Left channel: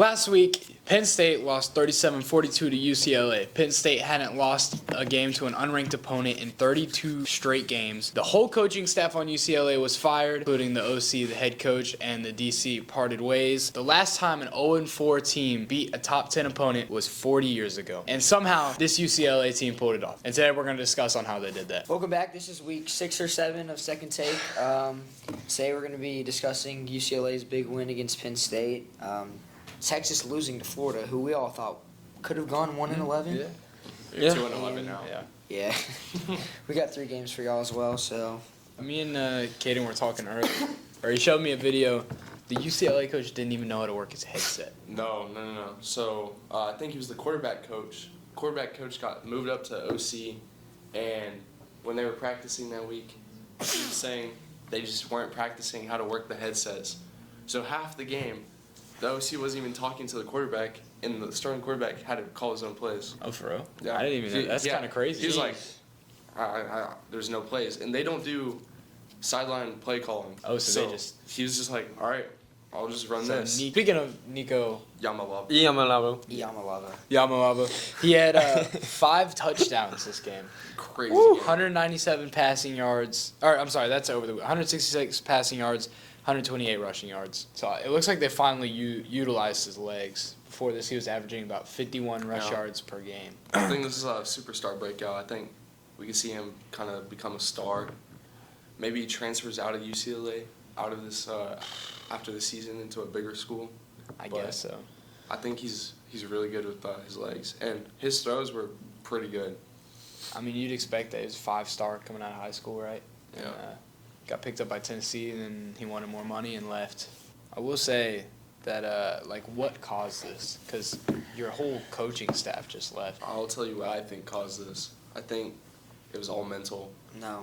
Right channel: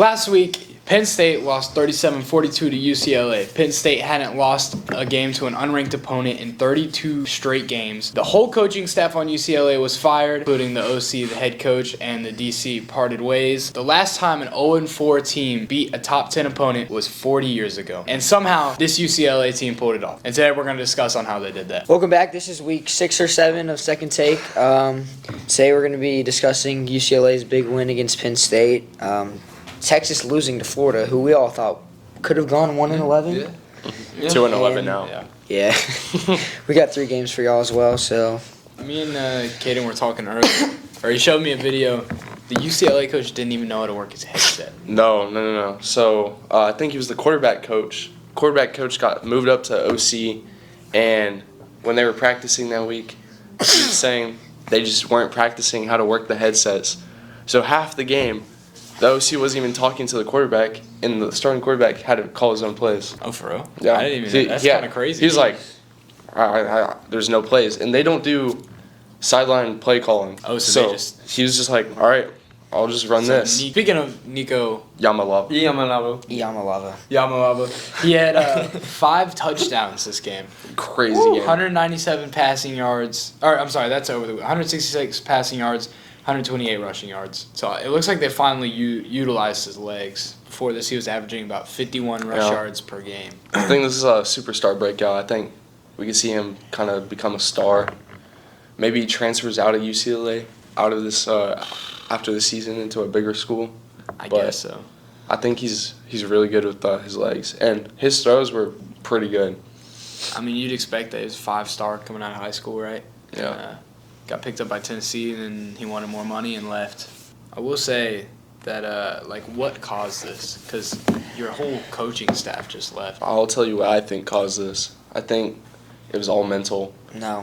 Last week, Penn State lost 37-42 to UCLA. Penn State hadn't lost a game to an unranked opponent in 32 straight games. The whole coaching staff on UCLA was fired, including the OC, the head coach, and the DC parted ways. The last time an 0-4 team beat a top 10 opponent was 40 years ago. And somehow, this UCLA team pulled it off. And today we're going to discuss on how they did that. Welcome back. This is week 6 or 7 of Second Take. Today we're going to be discussing UCLA's big win against Penn State. Texas losing to Florida, who we all thought could have gone 1-11. Yeah. 2-11 now. Yeah. We got 3 games for y'all as well. So me and Caden were talking earlier, or he showed me a video. The UCLA coach didn't even know how to work his headset. No. So I think he was the quarterback coach. Quarterback coach got moved up to OC, and when they were practicing that week, he was saying they just weren't practicing how to work the headsets. So half the game, the OC wasn't even talking to the quarterback, and the starting quarterback had to call his own plays. Oh, for real? Yeah. I didn't even know. That's kind of crazy. He was like, there's no plays. And they don't do sideline play calling. Oh, so he was just like, all right, I'll just run this. Speaking of Nico Yamalava. He had 5 touchdowns this game. Crazy game. 197 passing yards. That's over the 166 passing yards. 128 rushing yards. So it looks like they finally utilized his legs. Before this, he was averaging about 51 rush yards per game. I think this is a superstar breakout. I think we can see him kind of become a star. Maybe he transfers out of UCLA, out of this after the season into a bigger school. I guess so. I think he's really good with his legs, and his throws were pretty good. I mean, you'd expect that he was a 5-star coming out of high school, right? Yeah. Got picked up by Tennessee, and then he wanted more money and left. I will say that, what caused this? Because your whole coaching staff just left. I'll tell you what I think caused this. I think it was all mental. no,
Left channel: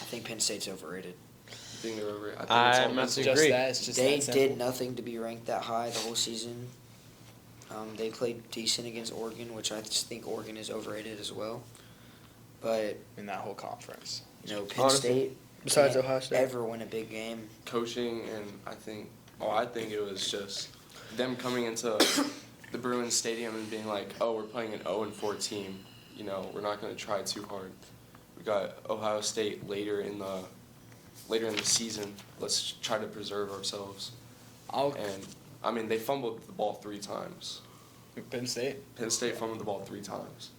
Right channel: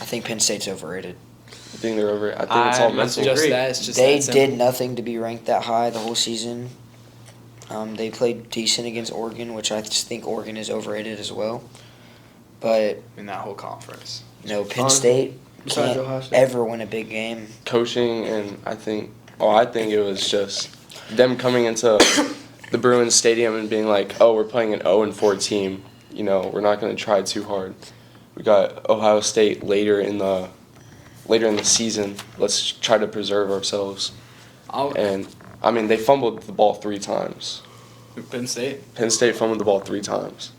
I think Penn State's overrated. I think they're over. I think it's all mental. It's just They that simple. did nothing to be ranked that high the whole season. They played decent against Oregon, which I just think Oregon is overrated as well. But in that whole conference. no, Penn State Besides can't Ohio State. ever win a big game. Coaching, and I think it was just them coming into the Bruins Stadium and being like, oh, we're playing an 0-4 team. You know, we're not going to try too hard. We got Ohio State later in the season. Let's try to preserve ourselves. And I mean, they fumbled the ball 3 times. Penn State? Penn State fumbled the ball 3 times.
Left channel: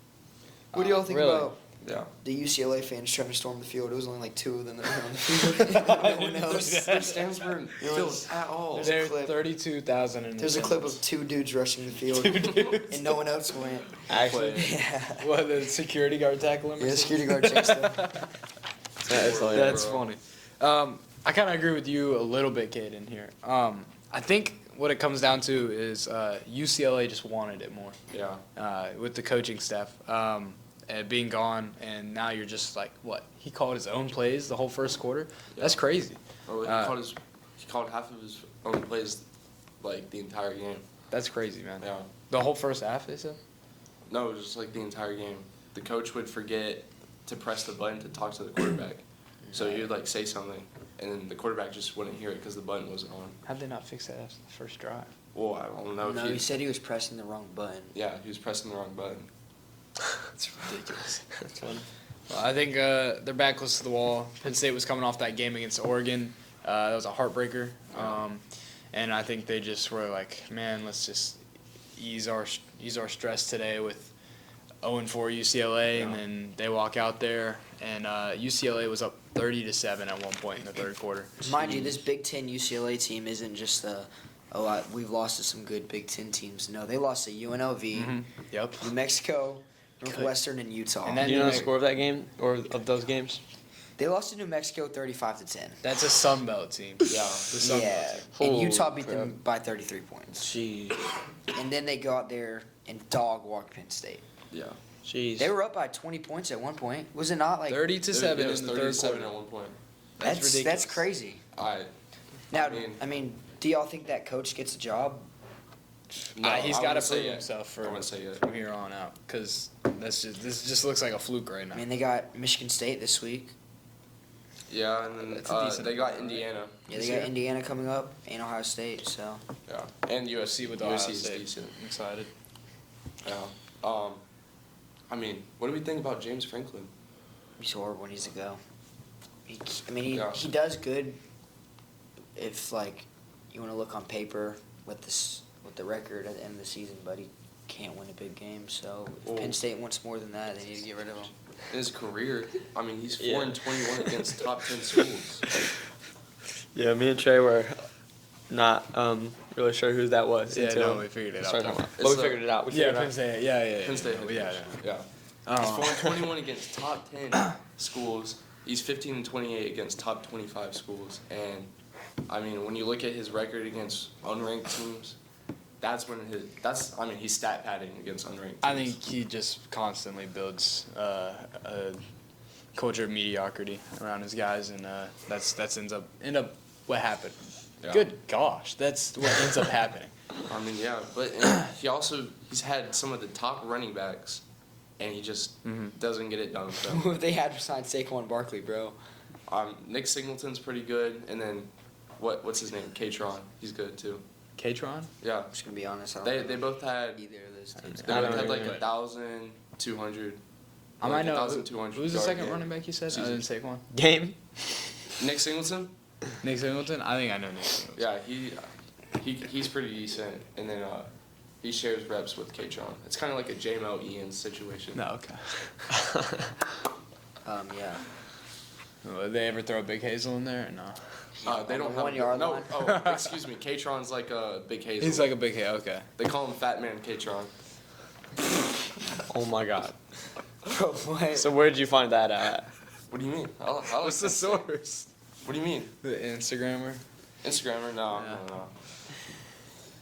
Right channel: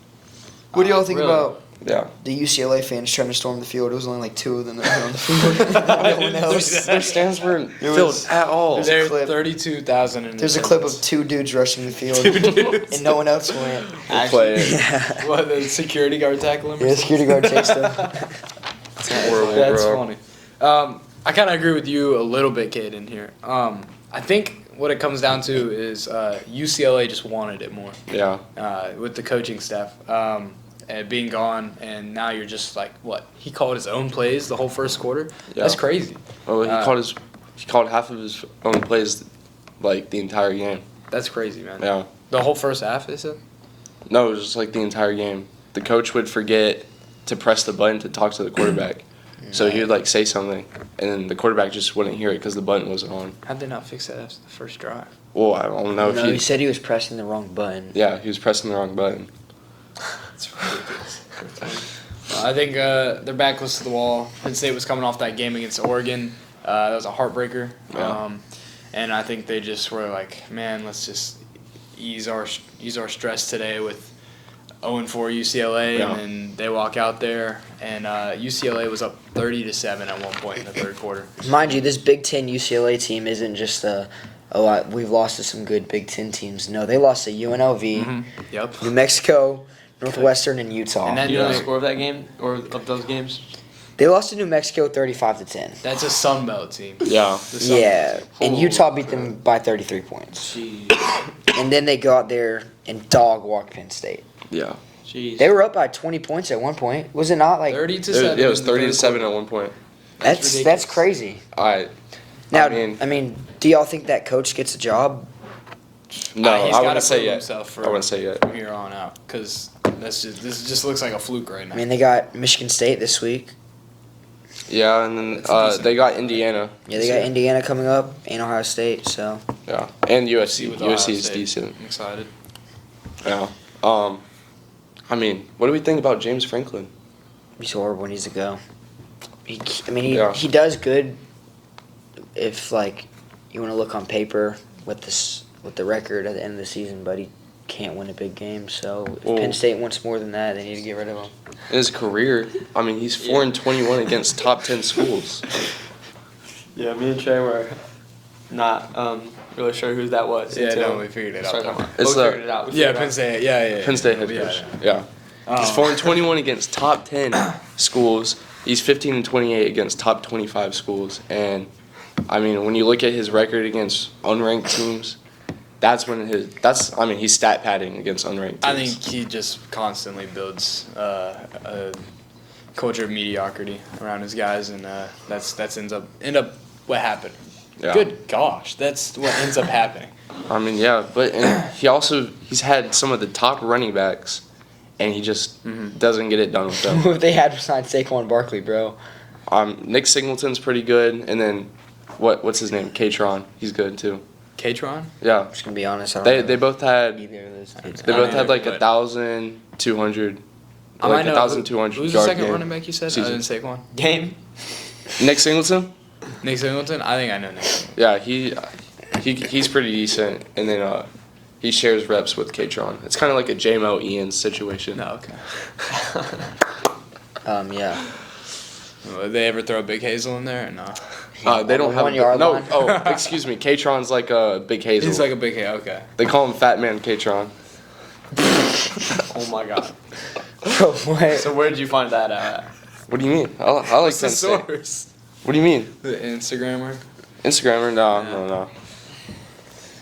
What do y'all think about Yeah. the UCLA fans trying to storm the field? It was only like 2 of them that were on the field. No one else. Their stands weren't filled at all. There's clip. 32,000 in There's a clip of 2 dudes rushing the field, and no one else went. We'll play it. Yeah, What, the security guard tackling him? yeah, security guard chased them. Horrible, That's bro. funny. I kind of agree with you a little bit, Caden, here. I think what it comes down to is UCLA just wanted it more Yeah. with the coaching staff and being gone, and now you're just like, what? He called his own plays the whole first quarter? Yeah. That's crazy. Well, he called half of his own plays, like the entire game. That's crazy, man. Yeah. The whole first half, they said? No, it was just like the entire game. The coach would forget to press the button to talk to the quarterback, so he would like say something, and then the quarterback just wouldn't hear it because the button wasn't on. How'd they not fix that after the first drive? Well, I don't know if No, he said he was pressing the wrong button. Yeah, he was pressing the wrong button. It's ridiculous. I think their back was to the wall. Penn State was coming off that game against Oregon. That was a heartbreaker. Yeah. And I think they just were like, man, let's just ease our stress today with 0-4 UCLA, Yeah. and then they walk out there, and UCLA was up 30-7 at one point in the third quarter. Mind you, this Big Ten UCLA team isn't just we've lost to some good Big Ten teams. No, they lost to UNLV, Yep. New Mexico, Northwestern, and Utah. And then You know the score of that game or of those games? They lost to New Mexico 35-10. that's a Sun Belt team. Yeah. The Sun Yeah, and Oh, Utah beat them by 33 points. Jeez. And then they go out there and dog walk Penn State. Yeah. Jeez. They were up by 20 points at one point. Was it not like 30-7. It was in the third 30-7 quarter. at one point. that's ridiculous. crazy? Now, Now, I mean, do y'all think that coach gets a job? no, He's I gotta wouldn't say prove yet. himself I wouldn't say yet. from here on out, because this just looks like a fluke right now. I mean, they got Michigan State this week. Yeah, and then That's a decent they got amount, right? Indiana. Yeah, they got Indiana coming up and Ohio State. So Yeah, and USC. with Ohio USC is State. decent. I'm excited. Yeah. I mean, what do we think about James Franklin? he's horrible. He needs to go. He Yeah. he does good. If like you want to look on paper with the record at the end of the season, but he can't win a big game. So if Well- Penn State wants more than that, they need to get rid of him. In his career, I mean, he's 4-21 against top 10 schools. Yeah, me and Trey were not really sure who that was. Yeah, until no, we figured it we out. started talking though. about- It's we the- figured it out. We Yeah, figured it Penn out. State. Yeah. Penn State head coach. Yeah. He's 4-21 against top 10 schools. He's 15-28 against top 25 schools. And I mean, when you look at his record against unranked teams, he's stat padding against unranked teams. I think he just constantly builds a culture of mediocrity around his guys, and that's end up what happened. Yeah. Good gosh, that's what ends up happening. I mean, yeah, but and he's had some of the top running backs, and he just doesn't get it done with them. Who they had besides Saquon Barkley, bro? Nick Singleton's pretty good, and then what's his name? Katron, he's good too. Katron? Yeah, I'm just gonna be honest. I don't they know both had either of those dudes. they I both don't had like either, but- 1,200. I Like know. 1,200 Who's the yard second game. running back you said? season. Other than Saquon? Game. Nick Singleton? Nick Singleton? I think I know Nick Singleton. Yeah, he's pretty decent, and then he shares reps with Katron. It's kind of like a J-Mo Ian situation. No, okay. Yeah. Did they ever throw Big Hazel in there or no? They don't On the have 1 yard no. line? Oh, excuse me. Katron's like a big Hazel. He's like a big Hazel, okay. They call him Fat Man Katron. Oh my god. Bro, what? So where did you find that at? What do you mean? I like What's the Penn State. source? What do you mean? The Instagrammer? Instagrammer? No.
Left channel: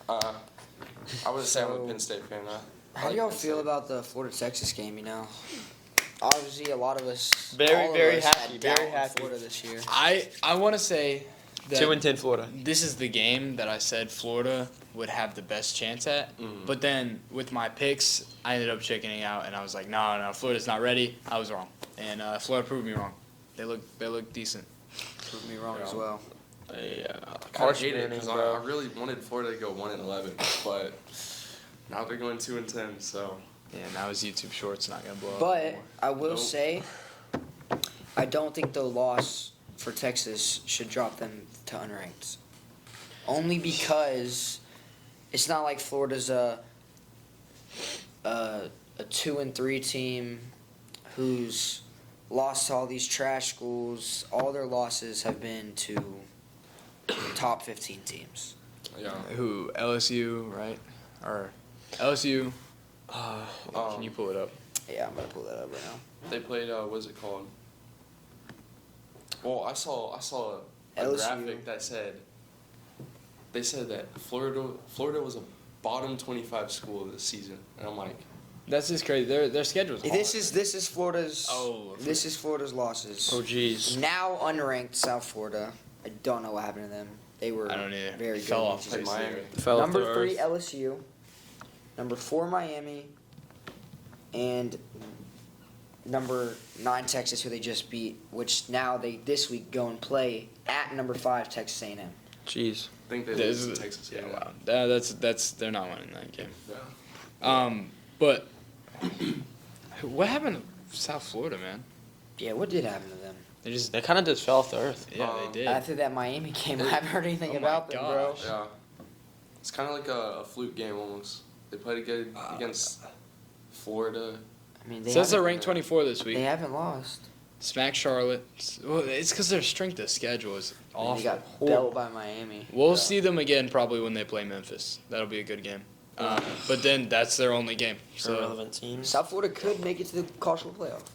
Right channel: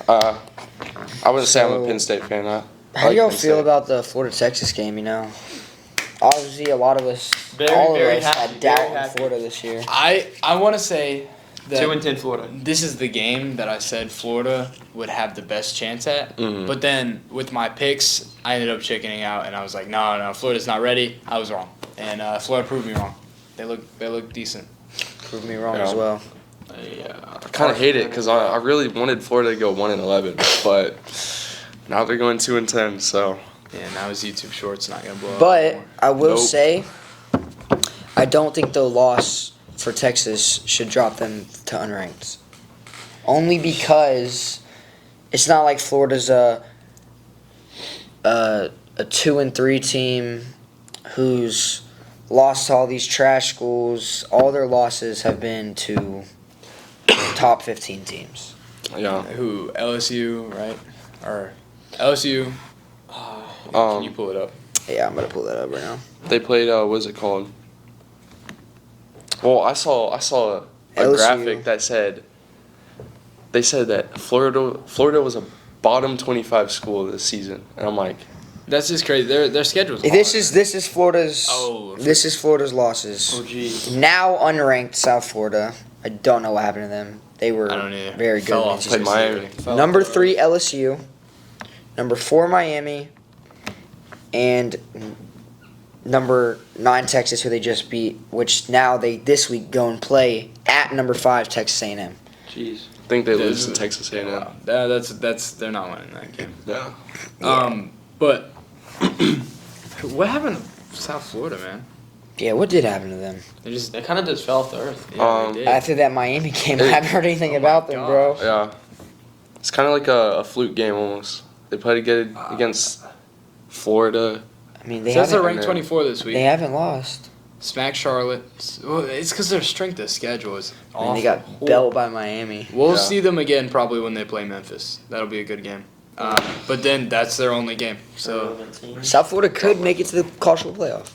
I wouldn't say I'm a So- Penn State fan. I How do like y'all Penn feel State. about the Florida Texas game? You know, obviously a lot of us, Very, all very of us, happy, had doubt very in happy. Florida this year. I want to say that 2-10 Florida. this is the game that I said Florida would have the best chance at. Mhm. But then with my picks, I ended up chickening out, and I was like, no, Florida's not ready. I was wrong, and Florida proved me wrong. They look decent. Prove me wrong Yeah. as well. Yeah. I kind of hate it because I really wanted Florida to go 1-11, but now they're going 2-10. So Yeah, now his YouTube shorts not gonna blow up. But anymore. I will Nope. say, I don't think the loss for Texas should drop them to unranked. Only because it's not like Florida's a 2-3 team who's lost to all these trash schools. All their losses have been to top 15 teams. yeah. Who LSU right or LSU? Can you pull it up? Yeah, I'm gonna pull that up right now. They played what's it called? Well, I saw a LSU. graphic that said that Florida was a bottom 25 school this season, and I'm like, That's just crazy. Their schedule's This hard. is Florida's. Oh. This is Florida's losses. Oh geez. Now unranked South Florida. I don't know what happened to them. They were I don't either. very good. Fell in off. the played season. Miami. Fell Number off the 3 earth. LSU. Number 4 Miami. And number 9 Texas, who they just beat. Which now they this week go and play at number 5 Texas A&M. Jeez. I think they lose to Texas A&M. Wow. That's they're not winning that game. Yeah. But what happened to South Florida, man? Yeah, what did happen to them? They just They kind of just fell off the earth. yeah, they did. After that Miami game, I haven't heard anything Oh about my them, bro. Yeah. It's kind of like a fluke game almost. They played good against Florida. I mean, they Says they're haven't, ranked 24 this week. they haven't lost. Smack Charlotte. Well, it's because their strength of schedule is I awful. mean, they got belt by Miami. We'll Yeah. see them again probably when they play Memphis. That'll be a good game. But then that's their only game. So Irrelevant teams. South Florida could make it to the college football playoff.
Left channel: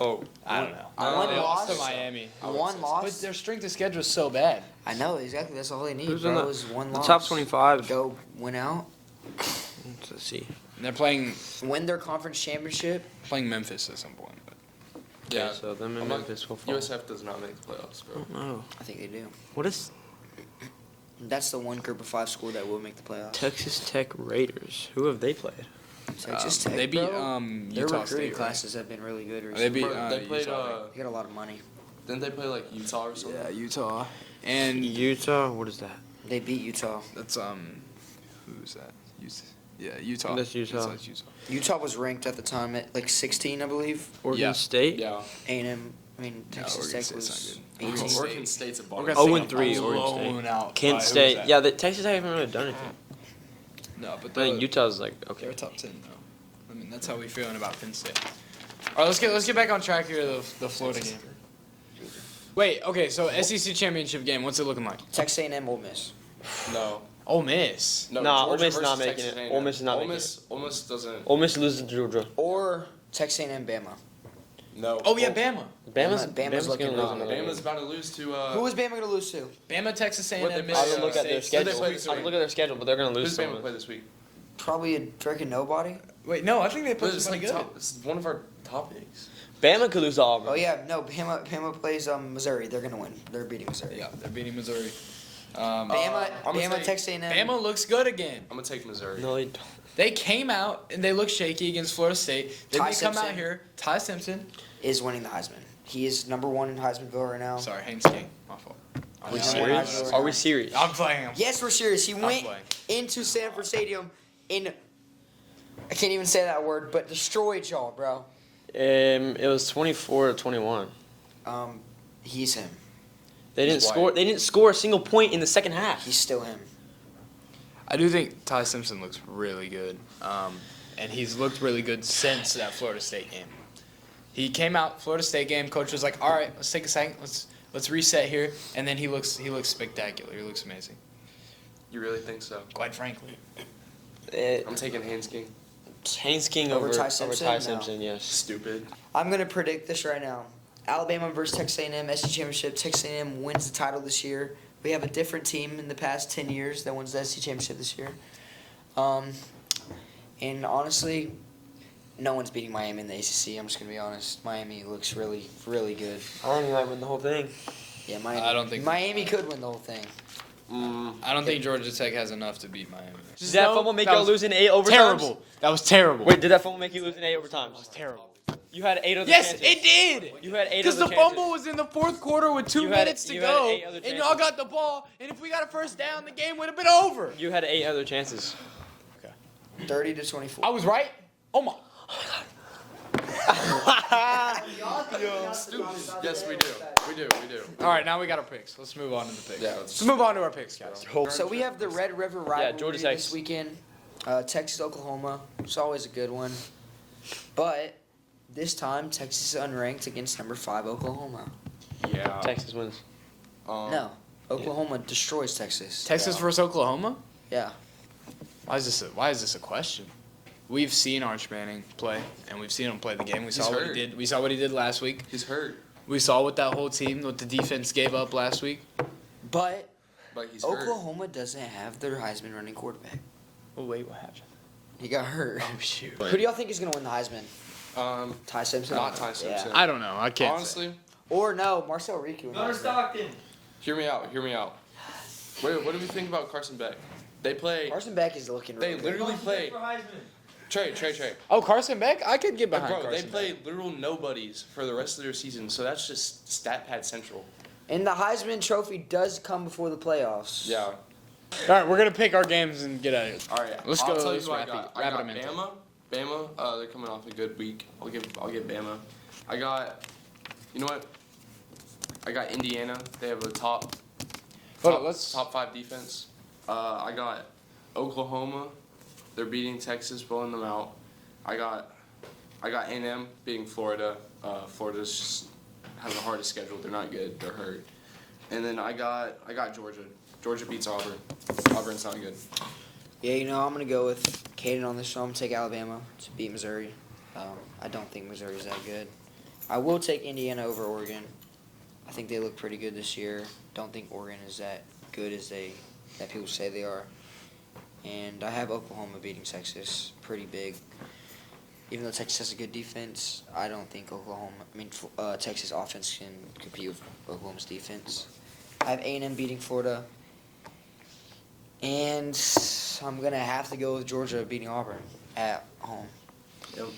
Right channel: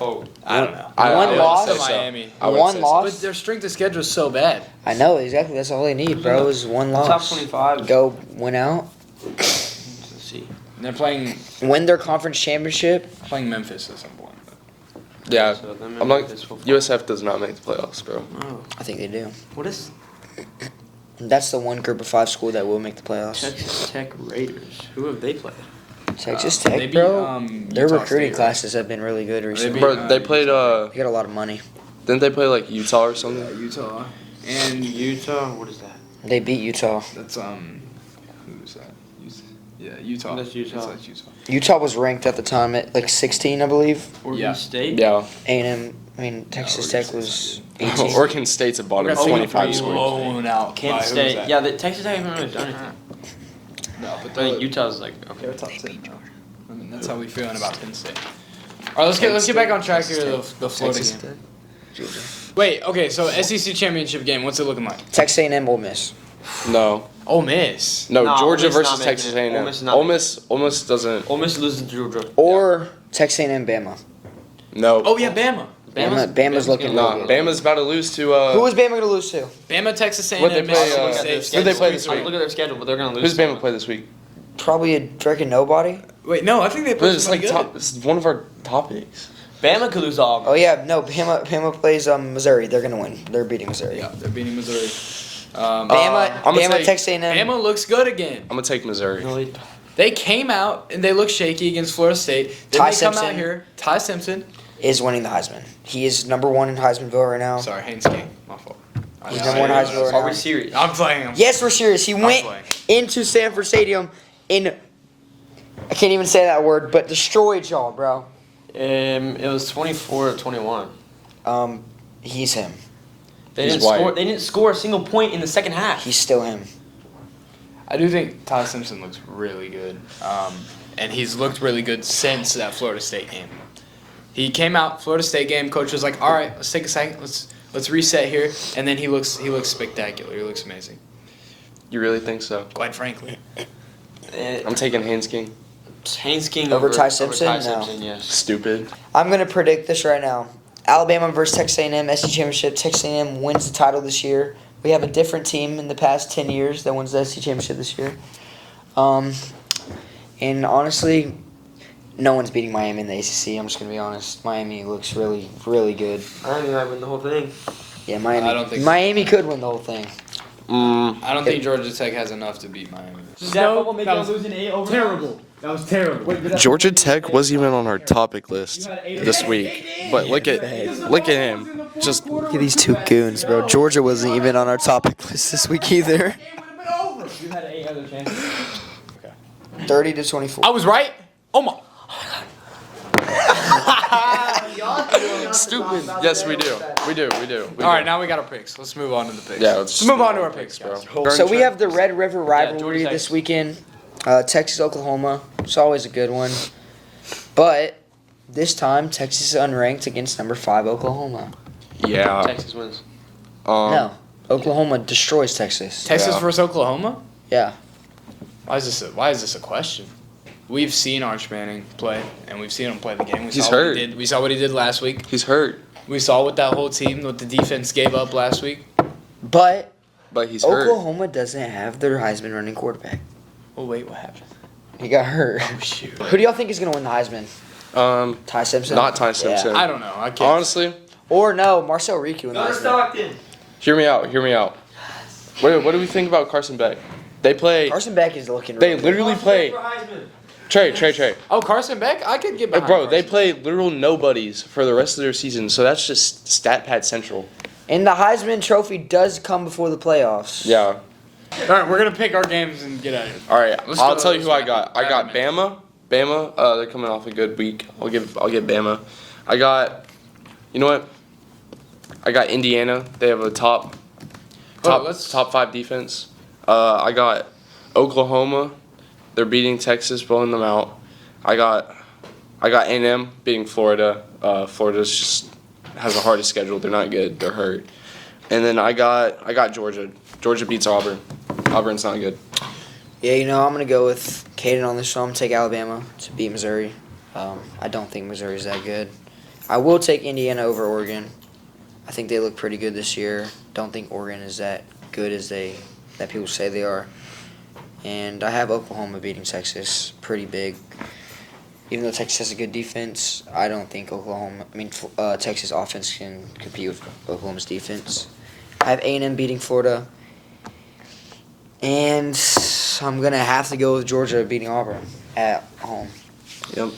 Oh. I don't know. One would loss. say say so. Miami. I would One say loss. But their strength of schedule is so bad. I know exactly. That's all they need, bro. Is one loss. Top 25. Go win out, Let's see. And they're playing win their conference championship. Memphis at some point. Yeah. So them I'm like, Memphis will fall. USF does not make the playoffs, bro. Oh. I think they do. What is That's the one group of 5 school that will make the playoffs. Texas Tech Raiders? Who have they played? Texas Tech, maybe, bro. Their Utah recruiting State, classes have been really good recently. Maybe- Bro, they played They got a lot of money. Didn't they play like Utah or something? Yeah, Utah. And Utah, what is that? They beat Utah. that's who's that? Yeah, Utah. That's Utah. That's Utah. Utah was ranked at the time at like 16, I believe. Oregon Yeah. State? Yeah. A&M, Texas Oregon Tech was State's 18. Oregon State's a bottom We're gonna 25 get score. blown out. by Kent who's State. that? Yeah, the Texas Tech haven't really done anything. No, but I think Utah's like, okay. they're top 10 now. I mean, that's how we feeling about Penn State. All right, let's get back on track here. The Florida Texas game. Tech? Wait, okay, so SEC championship game. What's it looking like? Texas A&M, Ole Miss. No. Ole Miss. No, No, Georgia Ole Miss versus not Texas making it. A&M. Ole Miss is not Ole Miss doesn't. Ole Miss loses to Georgia. Or Texas A&M, Bama. No. Oh yeah, Bama. Bama's looking Nah, good. Bama's about to lose to. Who was Bama going to lose to? Bama, Texas A&M, What'd they play, Mississippi who'd State. they play this I'm week? looking at their schedule, but they're gonna lose. Who's Bama play this week? Probably a freaking nobody. Wait, no, I think they played It's somebody like good. top. This is one of our topics. Bama could lose to Auburn. Oh yeah, no, Bama plays Missouri. They're going to win. They're beating Missouri. Yeah, they're beating Missouri. Bama, I'ma Bama, take- Texas A&M. Bama looks good again. I'm gonna take Missouri. No, They came out and they look shaky against Florida State. Then Ty they come out Simpson. here. Ty Simpson. is winning the Heisman. He is number one in Heisman vote right now. Sorry, Haynes King. My fault. He's number one in Heisman vote right Are now. we serious? I'm playing him. Yes, we're serious. He went playing. into Sanford Stadium and I can't even say that word, but destroyed y'all, bro. It was 24-21. He's him. They He's didn't score. white. They didn't score a single point in the second half. He's still him. I do think Ty Simpson looks really good. And he's looked really good since that Florida State game. He came out, Florida State game, coach was like, all right, let's take a second, let's reset here. And then he looks spectacular. He looks amazing. You really think so? Quite frankly. I'm taking Haynes King. Haynes King Over Ty Simpson? Ty No. Simpson, yes. Stupid. I'm gonna predict this right now. Alabama versus Texas A&M, SEC championship. Texas A&M wins the title this year. We have a different team in the past 10 years that wins the SEC championship this year. And honestly, no one's beating Miami in the ACC. I'm just gonna be honest. Miami looks really, really good. I don't think I win the whole thing. Yeah, Miami. I don't think so. Miami could win the whole thing. I don't think Georgia Tech has enough to beat Miami. Did that football make y'all lose in 8 overtimes? Terrible. That was terrible. Wait, did that Georgia football make you Tech lose wasn't in 8 even on our overtimes? topic list You had 8 of this them. week. Yes, it did. But look You at had 8 of them. look at him. Just These two goons, bro. Georgia wasn't even on our topic list this week either. Game would have been over. You had 8 other chances. 30-24. I was right. Oh my. stupid. Yes, we do. We do. All right, now we got our picks. Let's move on to the picks. Yeah, let's move on to our picks, bro. So we have the Red River rivalry Georgia this Tech. weekend. Texas, Oklahoma. It's always a good one. But this time, Texas is unranked against number 5 Oklahoma. Yeah. Texas wins. No, Oklahoma destroys Texas. Texas Yeah. versus Oklahoma. Yeah. Why is this a question? We've seen Arch Manning play, and we've seen him play the game. He's hurt. We saw what he did last week. He's hurt, We saw what that whole team, what the defense gave up last week. But but he's hurt. Oklahoma doesn't have their Heisman running quarterback. Oh wait, what happened? He got hurt. Oh shoot. Who do y'all think is going to win the Heisman? Ty Simpson? Not Ty Simpson. I don't know. I can't. Honestly, Or no, Marcel Riku in the Heisman. Stockton. hear me out. What do we think about Carson Beck? They play. Carson Beck is looking They really good. literally play. Trey. Oh, Carson Beck. I could get behind. Bro, they Carson. play literal nobodies for the rest of their season, so that's just stat pad central. And the Heisman Trophy does come before the playoffs. Yeah. All right, we're gonna pick our games and get out of here. All right, Let's I'll go- tell you who I let's got. I wrap got it up. Bama. They're coming off a good week. I'll give Bama. I got. You know what? I got Indiana. They have a top let's- 5 defense. I got Oklahoma. They're beating Texas, blowing them out. I got A&M beating Florida. Florida's just has the hardest schedule. They're not good. They're hurt. And then I got Georgia. Georgia beats Auburn. Auburn's not good. Yeah, I'm going to go with Caden on this one. I'm going to take Alabama to beat Missouri. I don't think Missouri's that good. I will take Indiana over Oregon. I think they look pretty good this year. Don't think Oregon is that good as that people say they are. And I have Oklahoma beating Texas pretty big. Even though Texas has a good defense, I don't think Texas offense can compete with Oklahoma's defense. I have A&M beating Florida. And I'm going to have to go with Georgia beating Auburn at home. Yep.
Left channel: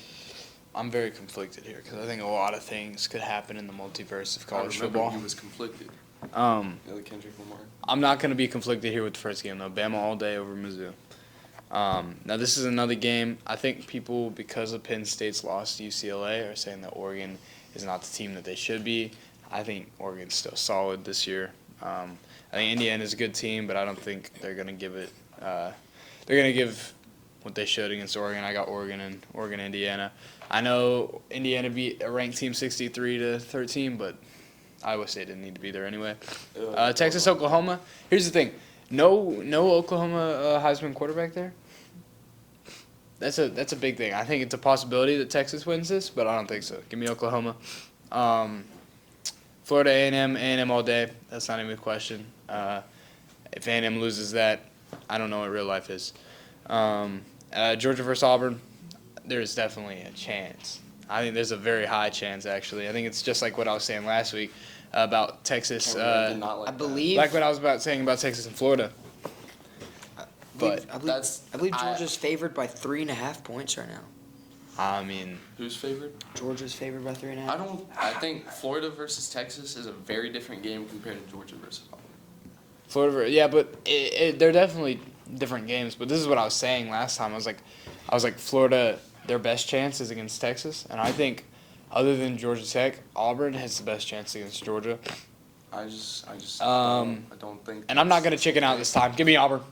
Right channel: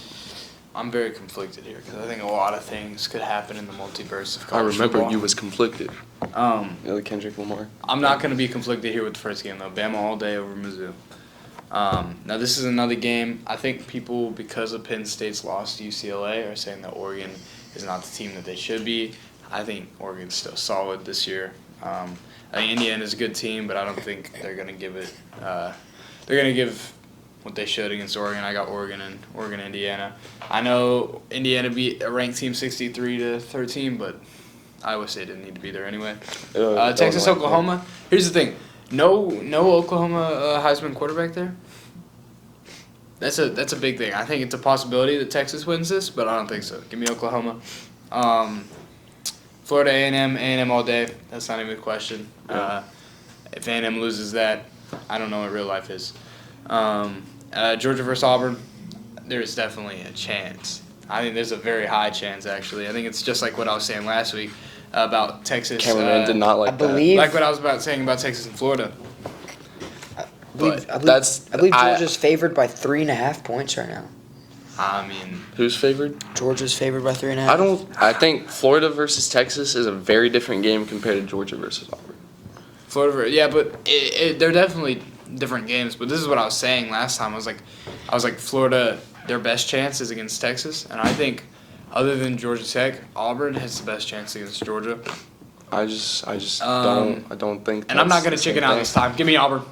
I'm very conflicted here because I think a lot of things could happen in the multiverse of I college remember football. you was conflicted. The Kendrick Lamar. I'm not going to be conflicted here with the first game, though. Bama all day over Mizzou. Now, this is another game. I think people, because of Penn State's loss to UCLA, are saying that Oregon is not the team that they should be. I think Oregon's still solid this year. I think Indiana's a good team, but I don't think they're going to give it they're going to give what they should against Oregon. I got Oregon and Indiana. I know Indiana beat a ranked team 63-13, but Iowa State didn't need to be there anyway. Texas, Oklahoma. Here's the thing. No Oklahoma Heisman quarterback there. That's a big thing. I think it's a possibility that Texas wins this, but I don't think so. Give me Oklahoma. Florida A&M all day. That's not even a question. If A&M loses that, I don't know what real life is. Georgia versus Auburn, there's definitely a chance. I think there's a very high chance, actually. I think it's just like what I was saying last week about Texas. Cameron did not like I believe, like what I was saying about Texas and Florida. I believe Georgia's favored by 3.5 points right now. I mean, Who's favored? Georgia's favored by 3.5. I think Florida versus Texas is a very different game compared to Georgia versus Auburn. Florida, yeah, but they're definitely different games. But this is what I was saying last time. I was like Florida, their best chance is against Texas, and I think other than Georgia Tech, Auburn has the best chance against Georgia. I just don't think. And I'm not gonna chicken out this time. Give me Auburn.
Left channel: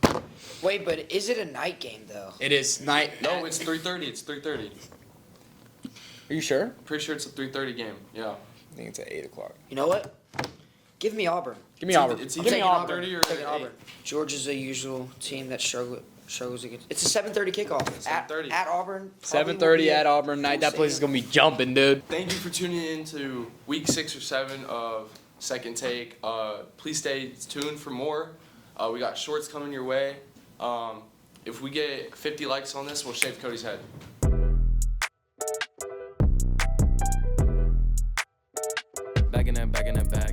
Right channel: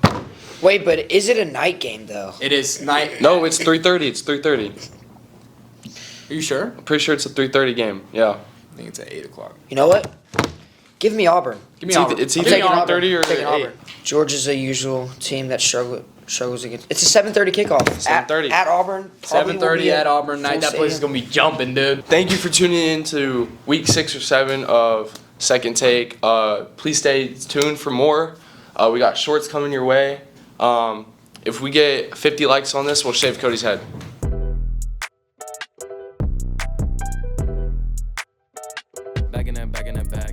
Wait, but is it a night game though? It is night. No, it's 3:30. It's 3:30. Are you sure? I'm pretty sure it's a 3:30 game. Yeah. I think it's at 8:00. You know what? Give me Auburn. Give me Auburn. It's I'm either taking Auburn. 3:30 or I'm taking 8. Auburn. Georgia's a usual team that struggles against. It's a 7:30 kickoff. 7:30. At Auburn. Probably will 7:30 be at Auburn night. full That place is stadium. gonna be jumping, dude. Thank you for tuning in to week 6 or 7 of Second Take. Please stay tuned for more. We got shorts coming your way. If we get 50 likes on this, we'll shave Cody's head. Back in that bag.